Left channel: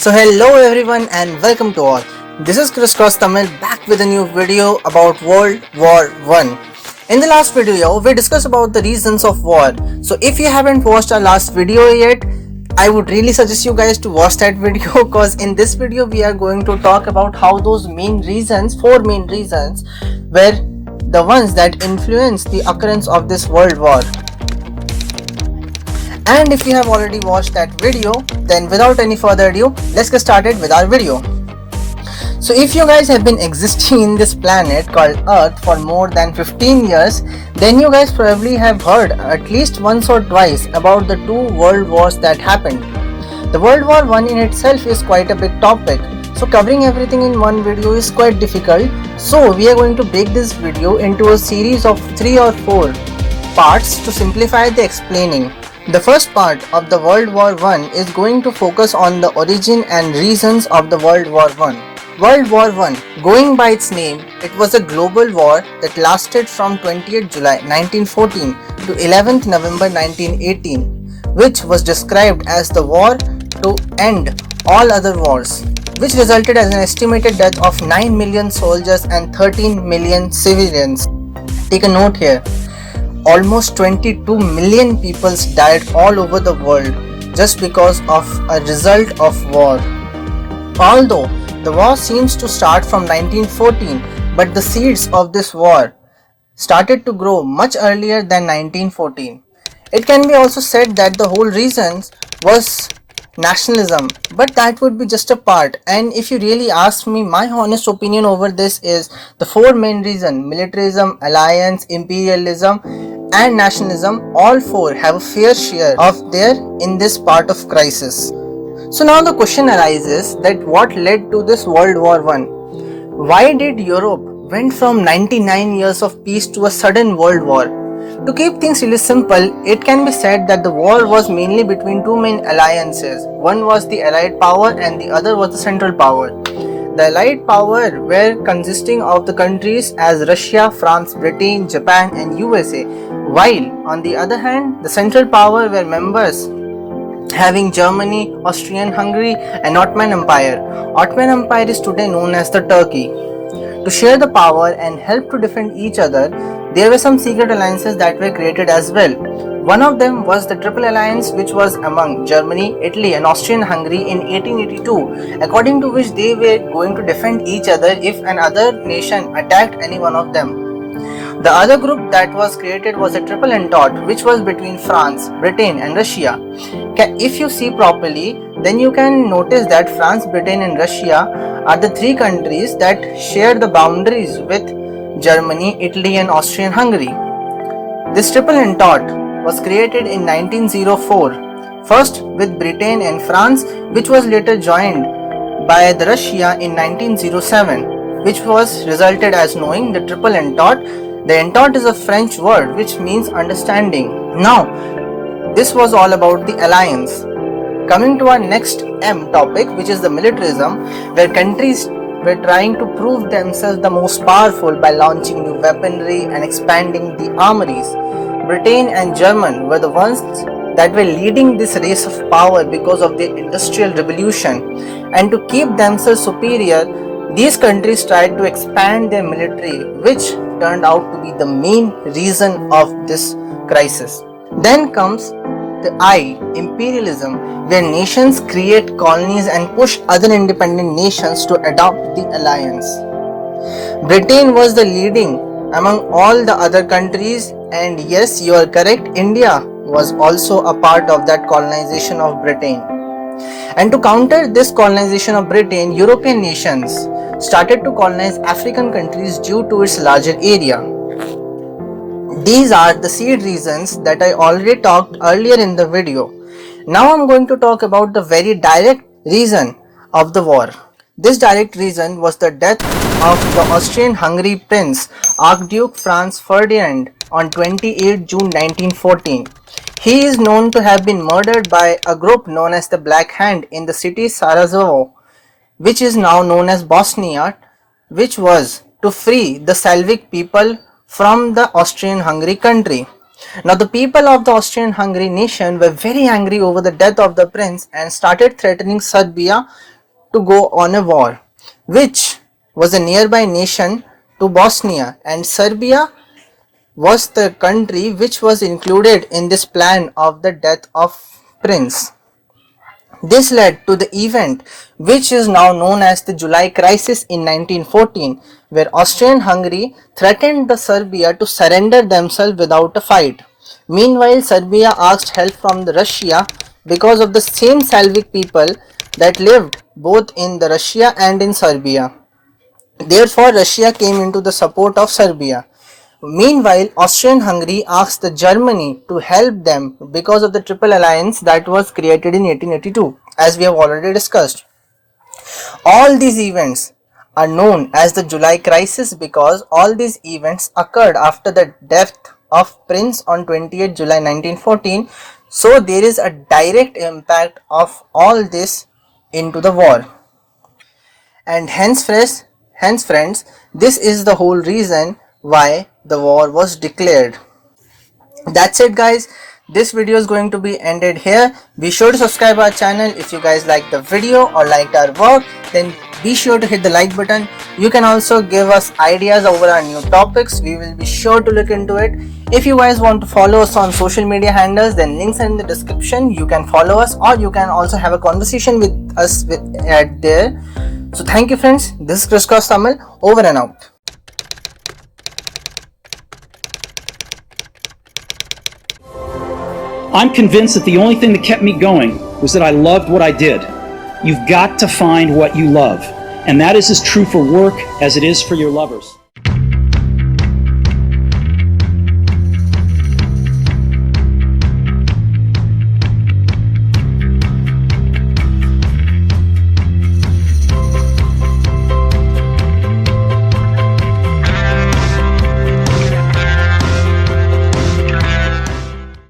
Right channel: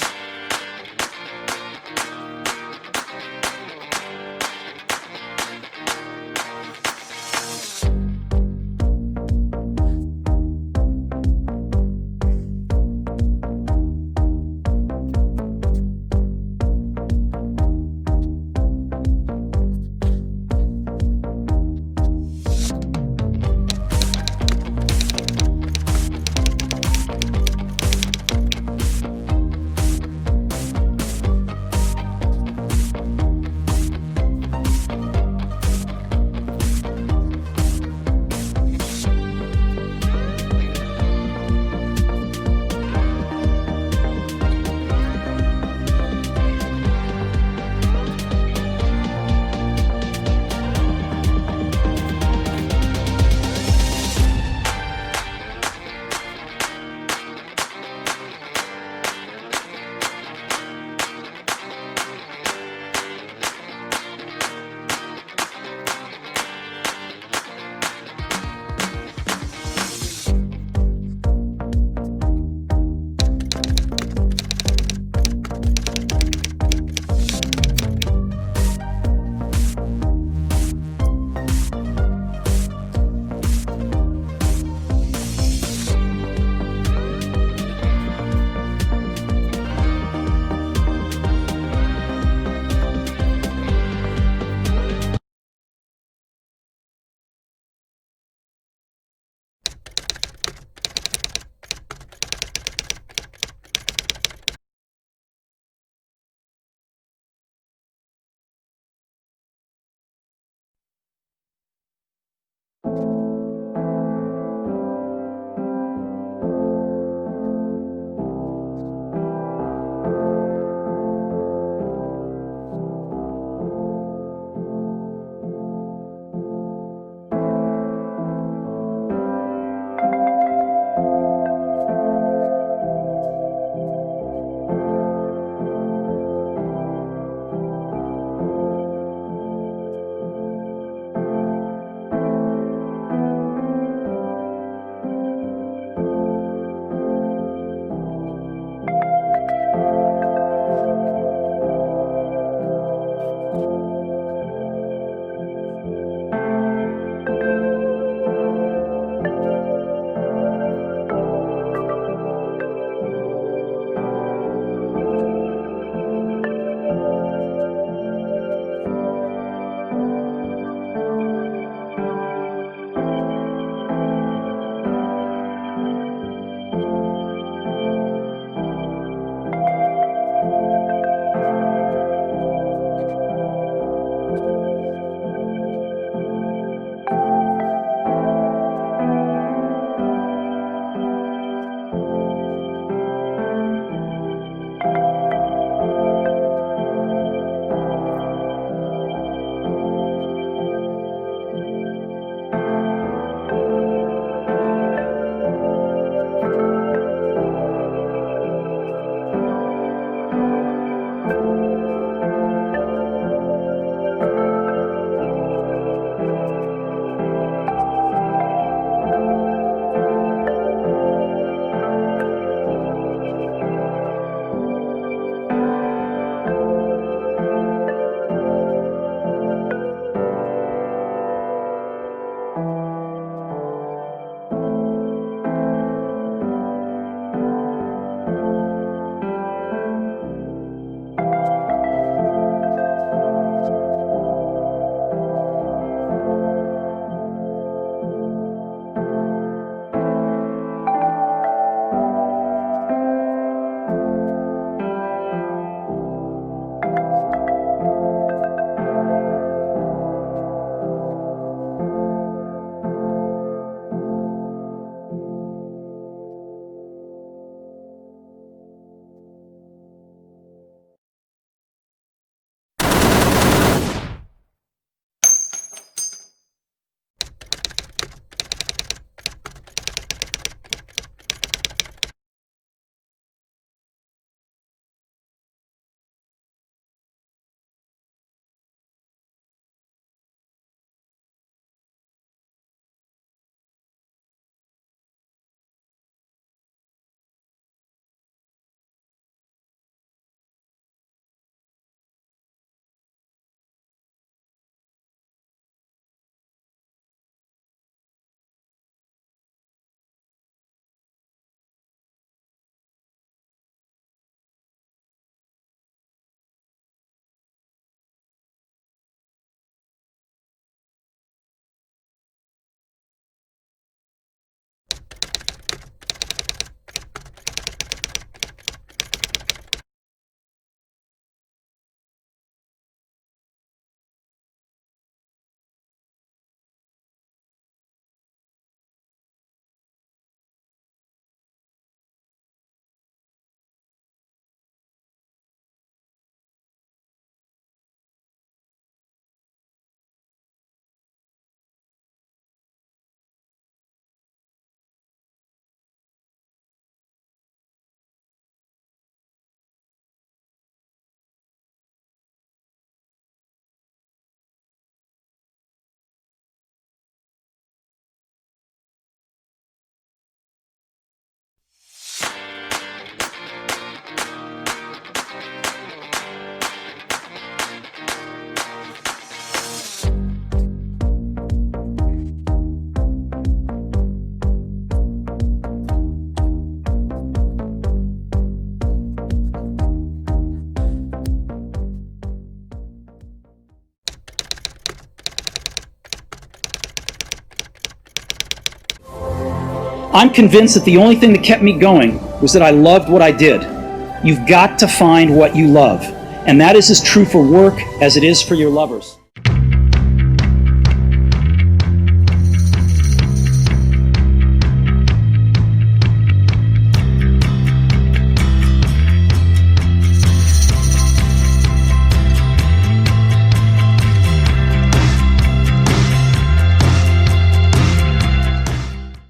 So hello everyone and welcome to all. This is Criss Tamizh back with a new video about World War 1. In the last video, we discussed about the reasons of war. So if you haven't watched our last video yet, I would really suggest you guys to watch that video because in this video we are going to talk about how those four main reasons were the ones that influenced the occurrence of this world war. And if you have already watched that video, then without any further ado, let's get started with our video. So if you guys have been existing in this planet called Earth for more than 15 years, then you guys probably have heard at least once or twice about the two world wars that happened. The World War 1 in itself is quite a big topic, so covering everything in one video is quite difficult. So we are going to break this video into a series of 3 or 4 parts to simplify the explaining. The first part of the World War I is going to focus on the origin and reasons of the World War I. World War I, going by its name, it was a global war that lasted from 20th July 1914 to 11th November 1918, which was described as the war to end all other wars, which resulted as an estimated death of 9 million soldiers and 13 million civilians. Take a note here. Almost 22 million people died all over the world just because of a result of war. Although the war seems to start from 1914, but the seeds of this war started to grow much earlier than 1914. It can be also said that the whole reason was nationalism, but that would be just a part. And if you really ask me, my honest opinion over this is the four main reasons: militarism, alliance, imperialism and nationalism, all four have a fair share of their in this part of crisis. So now the question arises that what led to this World War I? Why did Europe went from 99 years of peace to a sudden world war? To keep things really simple, it can be said that the war was mainly between two main alliances. One was the Allied power and the other was the Central power. The Allied power were consisting of the countries as Russia, France, Britain, Japan and USA, while on the other hand, the Central power were members having Germany, Austrian-Hungary and Ottoman Empire. Ottoman Empire is today known as the Turkey. To share the power and help to defend each other, there were some secret alliances that were created as well. One of them was the Triple Alliance, which was among Germany, Italy and Austrian-Hungary in 1882, according to which they were going to defend each other if another nation attacked any one of them. The other group that was created was a Triple Entente, which was between France, Britain and Russia. If you see properly, then you can notice that France, Britain and Russia are the three countries that share the boundaries with Germany, Italy and Austrian-Hungary. This Triple Entente was created in 1904, first with Britain and France, which was later joined by the Russia in 1907, which was resulted as knowing the Triple Entente. The Entente is a French word which means understanding. Now, this was all about the alliance. Coming to our next M topic, which is the militarism, where countries were trying to prove themselves the most powerful by launching new weaponry and expanding the armories. Britain and Germany were the ones that were leading this race of power because of the Industrial Revolution, and to keep themselves superior, these countries tried to expand their military, which turned out to be the main reason of this crisis. Then comes the I, imperialism, where nations create colonies and push other independent nations to adopt the alliance. Britain was the leading among all the other countries, and yes, you are correct, India was also a part of that colonization of Britain. And to counter this colonization of Britain, European nations started to colonize African countries due to its larger area. These are the seed reasons that I already talked earlier in the video. Now I'm going to talk about the very direct reason of the war. This direct reason was the death of the Austrian-Hungary Prince Archduke Franz Ferdinand on 28 June 1914. He is known to have been murdered by a group known as the Black Hand in the city Sarajevo, which is now known as Bosnia, which was to free the Slavic people from the Austrian-Hungary country. Now the people of the Austrian-Hungary nation were very angry over the death of the prince and started threatening Serbia to go on a war, which was a nearby nation to Bosnia, and Serbia was the country which was included in this plan of the death of prince. This led to the event which is now known as the July Crisis in 1914, where Austrian-Hungary threatened the Serbia to surrender themselves without a fight. Meanwhile, Serbia asked help from the Russia because of the same Slavic people that lived both in the Russia and in Serbia. Therefore, Russia came into the support of Serbia. Meanwhile, Austrian-Hungary asked the Germany to help them because of the Triple Alliance that was created in 1882, as we have already discussed. All these events are known as the July Crisis because all these events occurred after the death of Prince on 28 July 1914. So there is a direct impact of all this into the war. And hence friends, this is the whole reason why the war was declared. That's it guys, this video is going to be ended here. Be sure to subscribe our channel. If you guys like the video or liked our work, then be sure to hit the like button. You can also give us ideas over our new topics. We will be sure to look into it. If you guys want to follow us on social media handles, then links are in the description. You can follow us, or you can also have a conversation with us at there. So thank you friends, this is Criss Tamil, over and out. I'm convinced that the only thing that kept me going was that I loved what I did. You've got to find what you love, and that is as true for work as it is for your lovers.